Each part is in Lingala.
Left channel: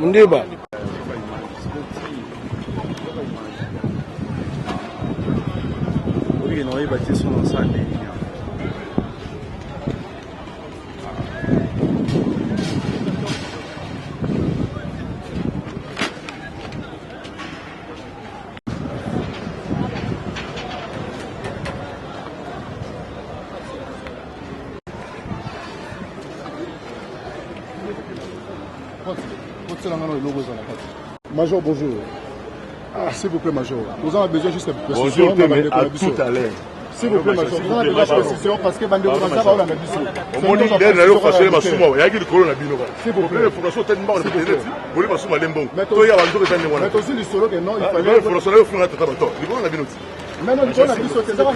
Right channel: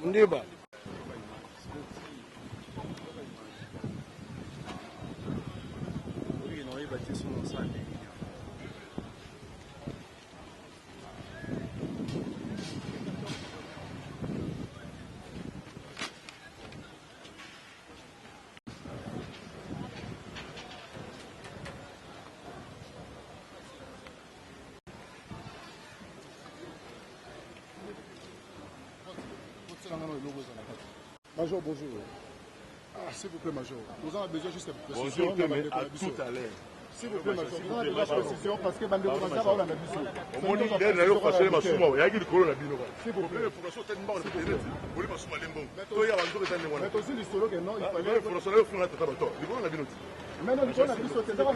Mundeba. Oui, non, il va dire son ensemble. Major, bonjour. S'il vous plaît, Major. Nous avons besoin juste de précision. Bonjour, mais à tout à l'heure. S'il vous plaît, Major. Nous avons besoin de précision parce que Bandeko Mazza va la mission. S'il vous plaît. Mais aussi le solo que non, il fallait. Mais non, il faut la mission. C'est ça, on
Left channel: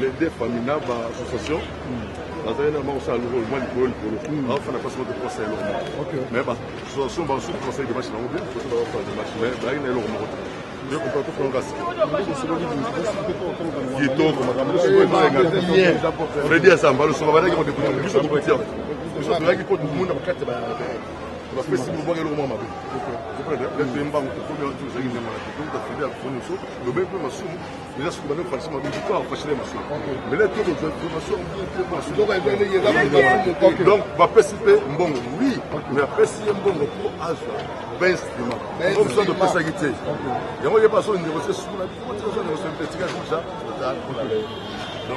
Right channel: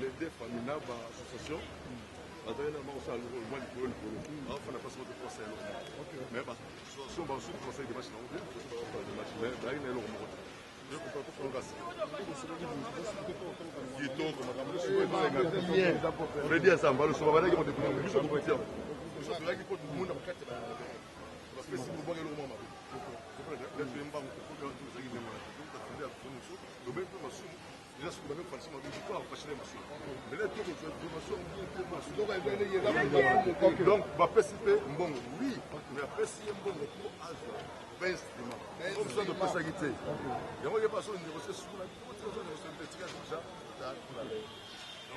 les deux familles association donc va participer bon oui mais après si un bon pour âge 20 instruments on besoin de personnalité et on y passe une négociation sur la petit gars comme ça Nous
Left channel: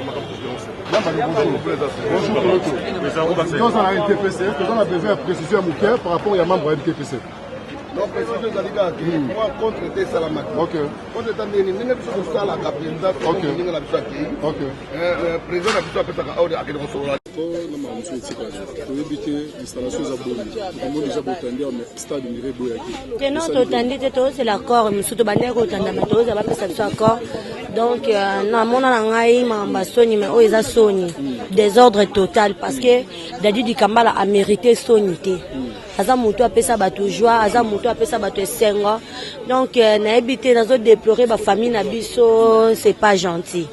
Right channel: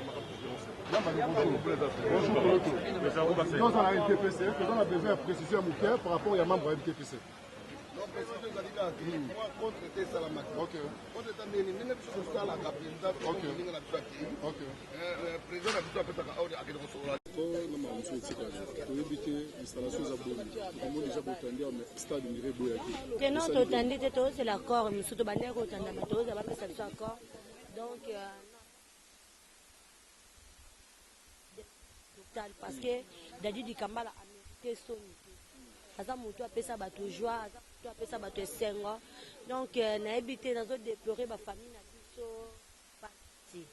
avons un TPC, nous avons besoin de précision à mon cœur par rapport à un membre du TPC. Donc, précision Zaliga, moi contre tes salamats. Ok. Contre ta déni, nous sommes sur la présidente. Ok. Ok. Le président a besoin de faire un ordre à quelque chose. C'est l'accord, donc, désordre total parce que Dadi du Kambala a mérité sonité. Azamuto a pesa bato joie, Azamuto a pesa bato sengo. Donc, na habité dans une déplorer ma famille na biso, c'est pas gentil.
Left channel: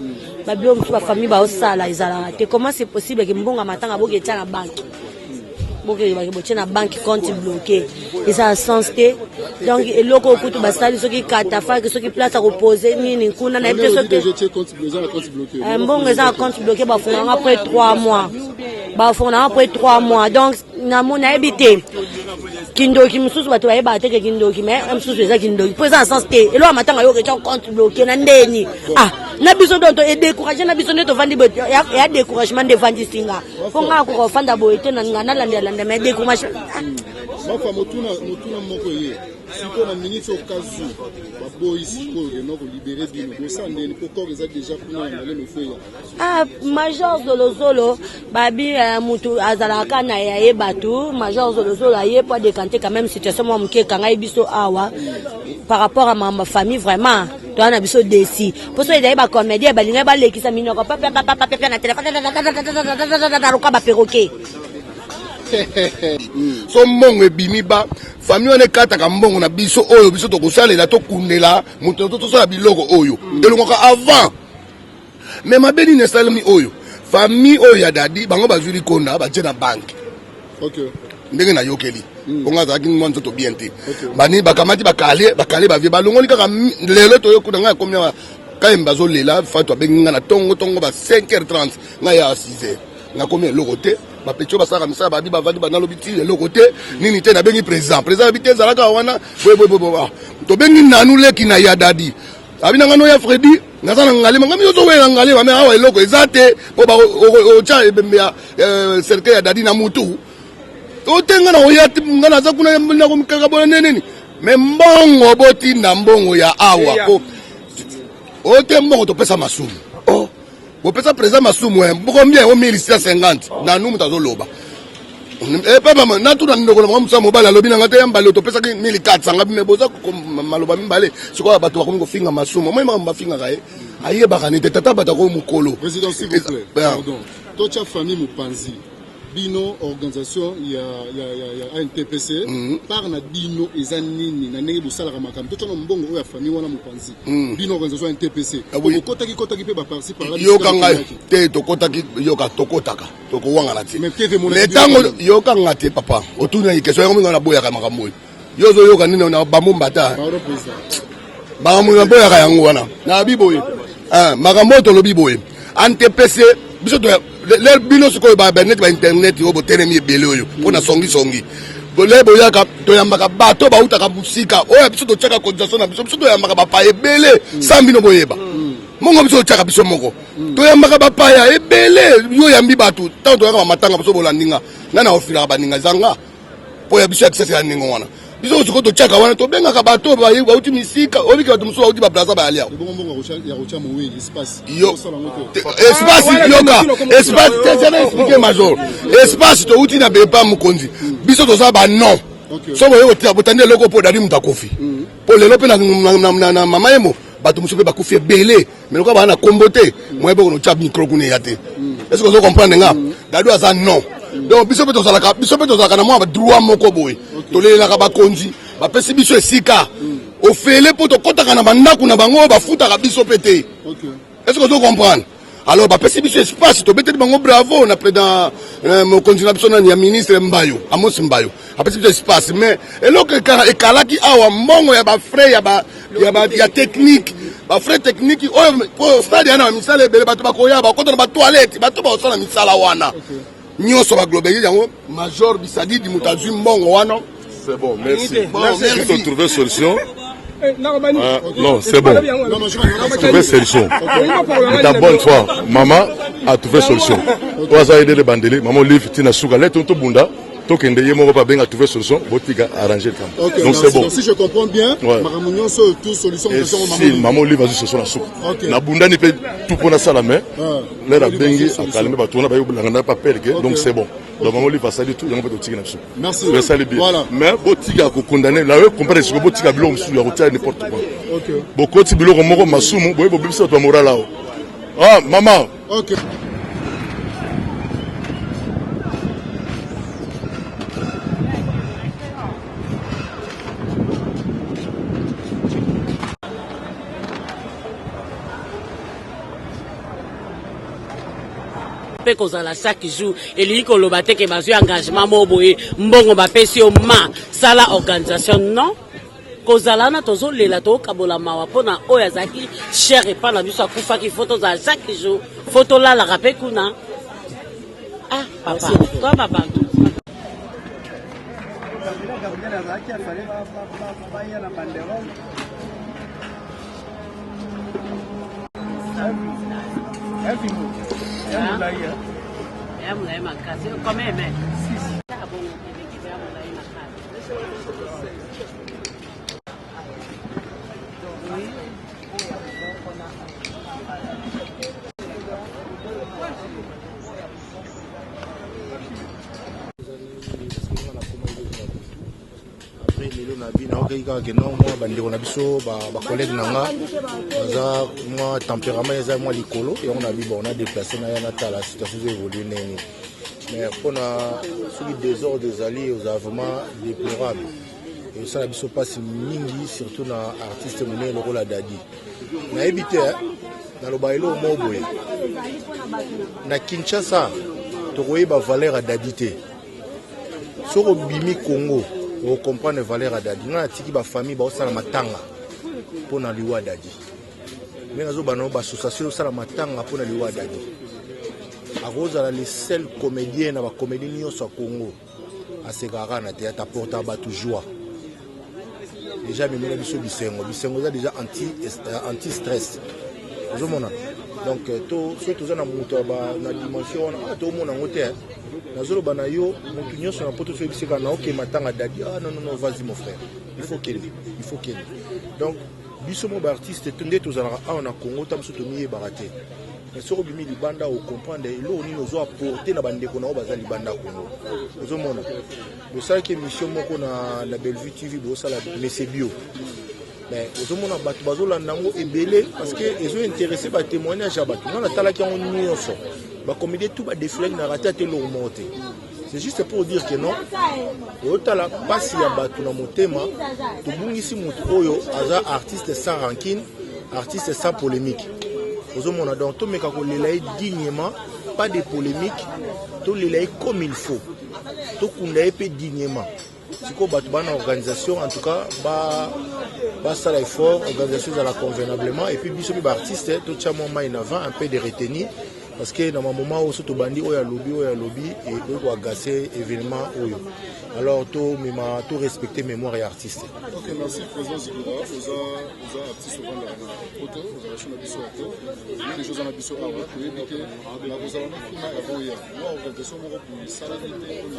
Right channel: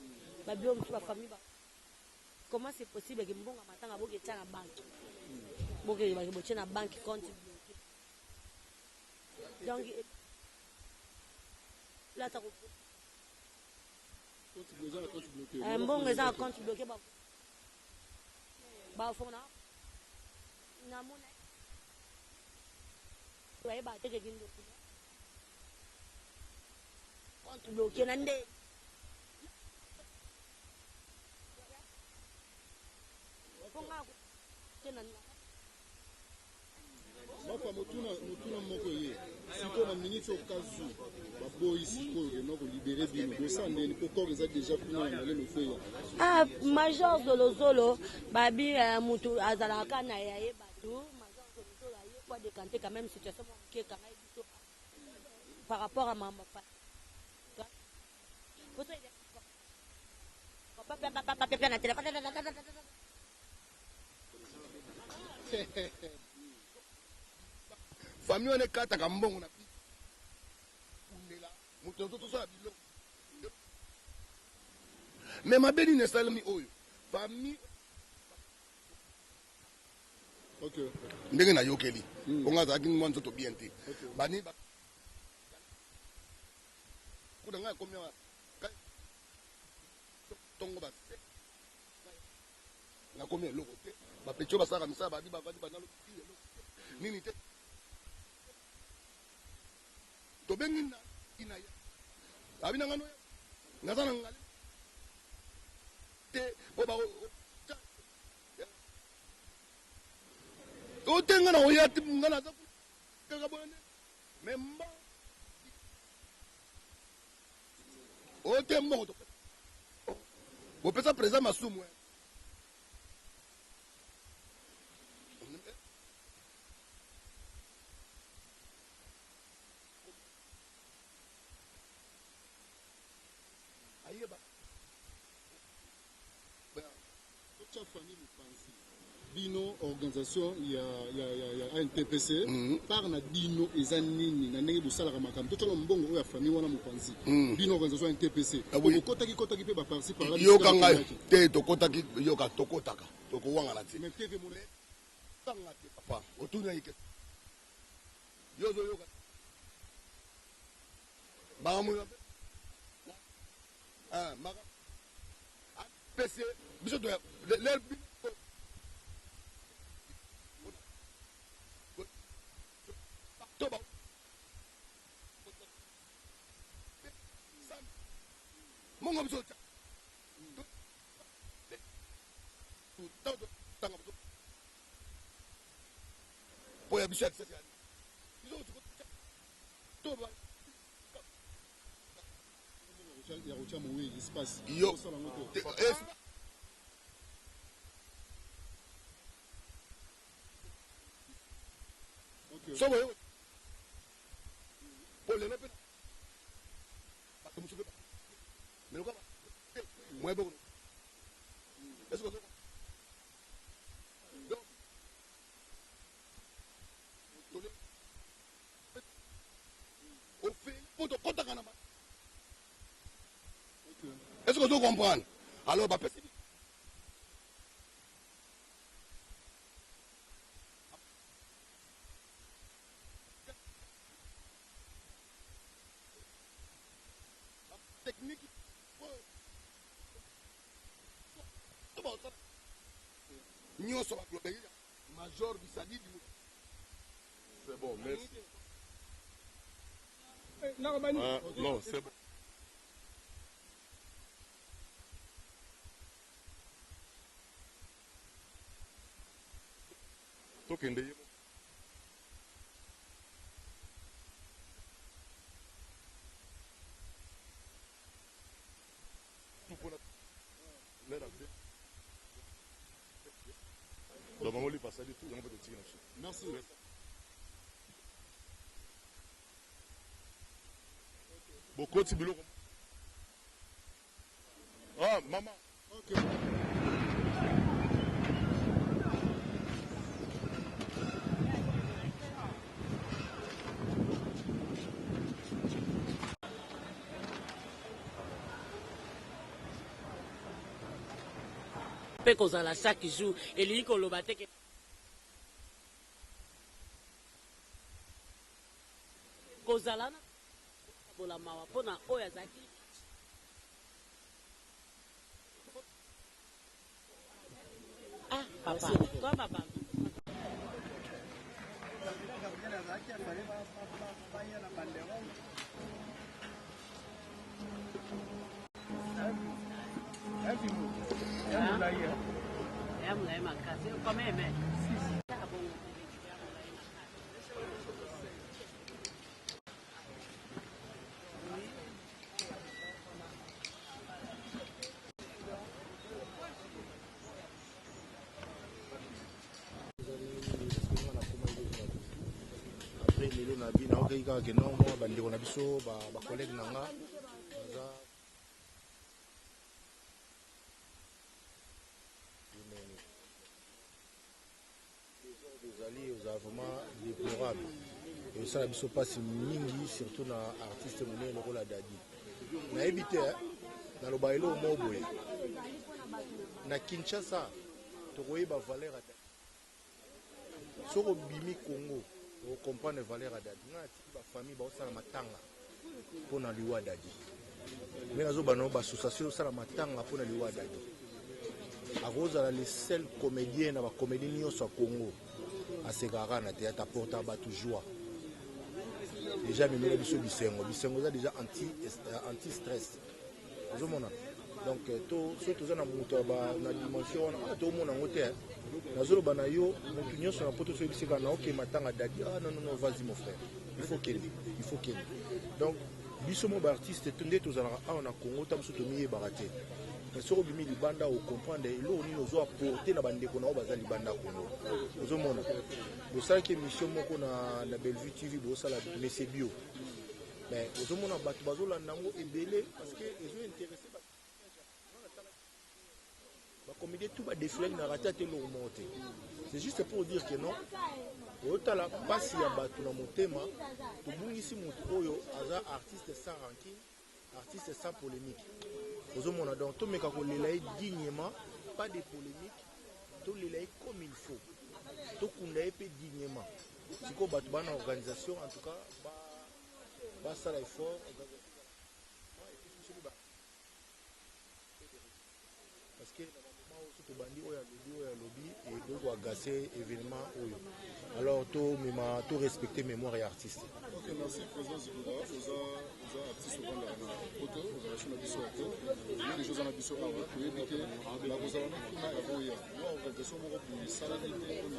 Ma bio ma famille ba osala izala. Comment c'est possible que mbonga matanga boke tia na banque? Boke ba tia na banque compte bloqué. Et ça a sens que donc eloko kutu basali soki katafa que soki place à reposer nini kuna na habité soki mbonga za compte bloqué ba fona après 3 mois. Bah, on a après 3 mois. Donc, on a habité. kindoki mosusu bato bayeba te ke kindoki mais mosusu eza kindoki mpo eza na sens te eloko matanga yo ketia compte bloqué na ndeni na biso donto edécouragé na biso nde tovandi ya découragement nde evandi singa mpo nga akoka ofanda boye te na nga nalandelanda mais découragement mafa motuna moko ye sikoyo na miniti okazu baboyi sikoyo kena kolibere bino bosandeni po corps eza déjà kuna na ngale mofeya major zolozolo babi mutu azalaka na yaye bato major zolozolo aye po adécanté quand même situation mwa moke ekangai biso awa par rapport à ma famille vraiment toa na biso desi mpo so ezali bacomédie balingai balekisa minoko papapapapapapia na telefone naruka baperroquet so mbongo ebimi ba famille wana ekataka mbongo na biso oyo biso tokosalela tokundela moto tosala biloko oyo elongwaka avant me mabe nini esalemi oyo famille oyo ya dadi bango bazwi likonda batie na banke ndenge nayokeli bongo azalaki mwa nzoto bien te bani bakamati bakale bavie balongoli kaka lelo toyokuna ngai akomi awa kayemba azolela fatu abengi ngai na tongo ba 5h30 ngai ya 6h nakomi eloko te bapetio basalaka misala babi bavandi banalobi ti eloko te nini te nabengi président abi te ezalaka wana tobengi nanu leki na ya dadi abi na ngano ya Fredi naza na ngalema ngami ozowela ngalema me awa eloko eza te po otya ebembe ya cercle ya dadi na mutu otenga na oya nga naza kuna nakomikaka bona neneni me mbongo botinda mbongo ya awa po ote mbongo topesa masumu bopesa président masumu combien o 1650 na numu tazoloba papa natuna ndokolo mwa musa mobala lobi na ngate yambale topesa 1400 ngabi meboza maloba mimbale sikoya bato bakomi kofinga masumu moi mafinga kaye ayebaka nete tata bata ko mukolo président s'il vous plaît pardon tocha famille Mupanzi bino organisation ya ANTPC par na bino eza nini na ndenge bosalaka makambo tocha na mbongo oyo ya famille wana Mupanzi bino organisation ANTPC kotaki pe ba parti par là yoka ngai te tokotaki yoka tokotaka tokowanga na ti mais tango yoka ngate papa otuna question yango minga na boya ka makambo yozo yoka nini na bamomba ta makambo na boya ka yango wana na biboye makambo to lobi boye ANTPC biso to le bino sikoyo ba net ba internet yo botelemi ebele oyo pona songi bole boyaka toyambaka bato bautaka musika oyo biso totyaka cotisation na biso toyambaka bapaya ebele sans bino boyeba mongo biso totyaka biso moko toyambaka bapaya ebele yo yambi bato ntango toyaka bamatanga biso bolandinga nga na ofilaka baninga zanga po ya biso ya kisasa ya ndingo wana biso sikoyo totyaka wana tobengaka bato bauti misika obiki bato mosusu bauti baplaza bayaliao espace yoka espace tezana expliquer major espace touti na bepa mokonzi biso toza ba non so boye otia botandi eloko po dadi mutakofi po lelo pe na mama yemo bato mosusu pe bakufi ebele meloko bana kombo te moye boko no tya micro kuna ya te est-ce que vous comprenez nga dadi aza non donc biso pe tozalaka na mwa droit moko boye tolelelaka bakonzi bapesi biso esika ofele po tokotaka na bandako na bango bafutaka biso pe te est-ce que vous comprenez alors bapesi biso espace tobeteli bango bravo na président mokonzi na biso nani ya ministre Mbayo Amos Mbayo apesi biso espace mais eloko ekalaki awa mbongo ya bafrais ya technique bafrais technique oyo stade yana misala ebele bato bakoya bakota na batoilette bato baosala misala wana nyonso baglobaliser yango major Bisadidi mutazwi mbongo wana. C'est bon, merci. Il faut trouver solution. Non, c'est bon. Trouver solution. La bonne foi, maman a trouvé solution. On va aider les bandeliers. Maman livre tina souga let to bunda. Tokende yemo pas bien à trouver solution. Botiga arranger le okay, donc c'est bon. Si je comprends bien, Maramounion sur toute solution de si maman livre va solution la souka. Na bunda ni peut tout pour na sala mais l'air a bengi a calmer ba tona ba yo na pas perdre donc c'est bon. Donc maman livre va salir tout yango peut tiga na souka. Merci. Je salir bien. Mais botiga ko condamner la comprendre ce que botiga bilo sur la route n'importe quoi. OK. Bokoti bilo moko masumu boye bo biso to moral là. Ah maman. OK. pe kozala chaque jour elingi koloba te ke bazwi engagement mo boye mbongo bapesi yo ma sala organisation non kozala na tozolela tokabola mawa mpona oyo azalaki cher epa na biso akufaki fo tozala chaque jour fo tolalaka mpe kuna papa toa babantu lelo na bina okeka ke non moi bandeko na biso ba collègue nanga baza moi tempérament eza moi likolo et on a bi bon on a déplacé na yana ta la situation évolue neni mais pona soki désordre des alliés aux vraiment déplorable et ça la biso passe mingi surtout na artiste mone le rôle Dadi na éviter na lo bailo mo boye na Kinshasa to koyeba valeur Dadi te soko bimi Congo on comprend les valeurs à Dadi. On a tiki ba famille ba osala matanga pour na liwa Dadi. Mais nazo bano ba association osala matanga pour na liwa Dadi. A Rose la les seuls comédiens na ba comédie nyonso Congo. A segara na théâtre apporta ba joie. Déjà même na biso bisengo za déjà anti stress. Ozo mona. Donc to surtout za na muto ba na dimension na to mona ngote. Nazolo banayo mutu nyonso na poto so bisika na ok matanga Dadi non vas-y mon frère il faut qu'il donc biso mo ba artiste tunde tozala on a Congo tam soto miye baraté mais so bimi libanda o comprendre elo ni nozo apporter na bandeko na baza libanda Congo ozo mona le ça qui émission moko na Bellevue TV bo sala messe bio mais ozo mona batu bazola nango ebele parce que ils ont intéressé ba témoignage à batu na tala ki on nyonso ba comédie tout ba défilé na raté te lo monter c'est juste pour dire que non otala pasi ya batu na motema to bungisi mutu oyo aza artiste sans rancune artiste sans polémique ozo mona donc to meka ko lelai dignement pas de polémique to lelai comme il faut to kunda epé dignement siko batu bana organisation en tout cas ba sala effort organisation à la convenablement et puis biso ba artiste to tchamo mai en avant un peu de retenir parce que dans un moment où surtout bandi oya lobby et donc agacer événement oyo alors tout respecter mémoire et artiste. OK, merci président Zikura, aux artistes au Rwanda na photo, aux relations na biso ato. Les choses na biso awa, pour éviter la kozala na kuna ya boya. Moi organisation moko pour salamité on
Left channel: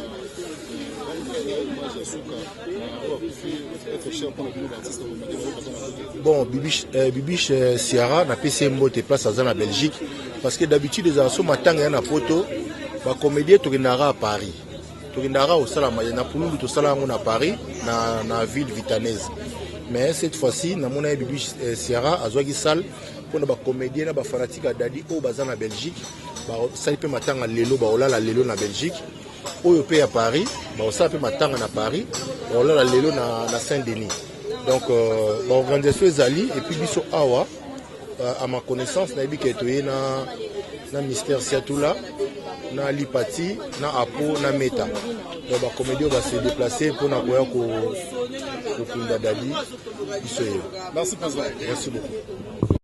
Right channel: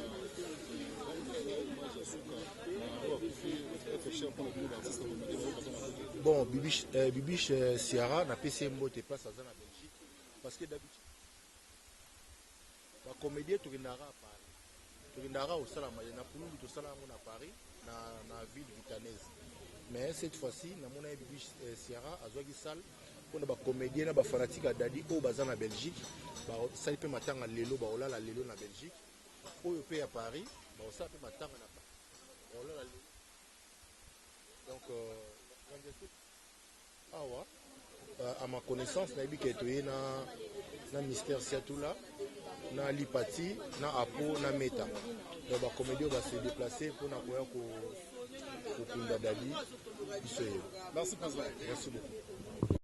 a image ya suka na wa kufi être cher pour les artistes au bon Bibiche Ciara na PCMO te place à Belgique parce que d'habitude les artistes matanga na photo ba comédien to à Paris. Tokendara au salama na Pulundu to salama na Paris na ville vitanaise mais cette fois-ci na mona Bibiche Ciara azwaki salle pour na ba comédien na ba fanatique Dadi au baza na Belgique ba sali pe matanga lelo ba olala lelo na Belgique oyo pe à Paris ba osala pe matanga na Paris ba olala lelo na Saint-Denis donc ba organisation ezali et puis biso awa à ma connaissance na ebike toye na ministère Siatula na Lipati na Apo na Meta donc ba comédien va se déplacer pour na koya ko kunda Dadi. Merci président. Merci beaucoup.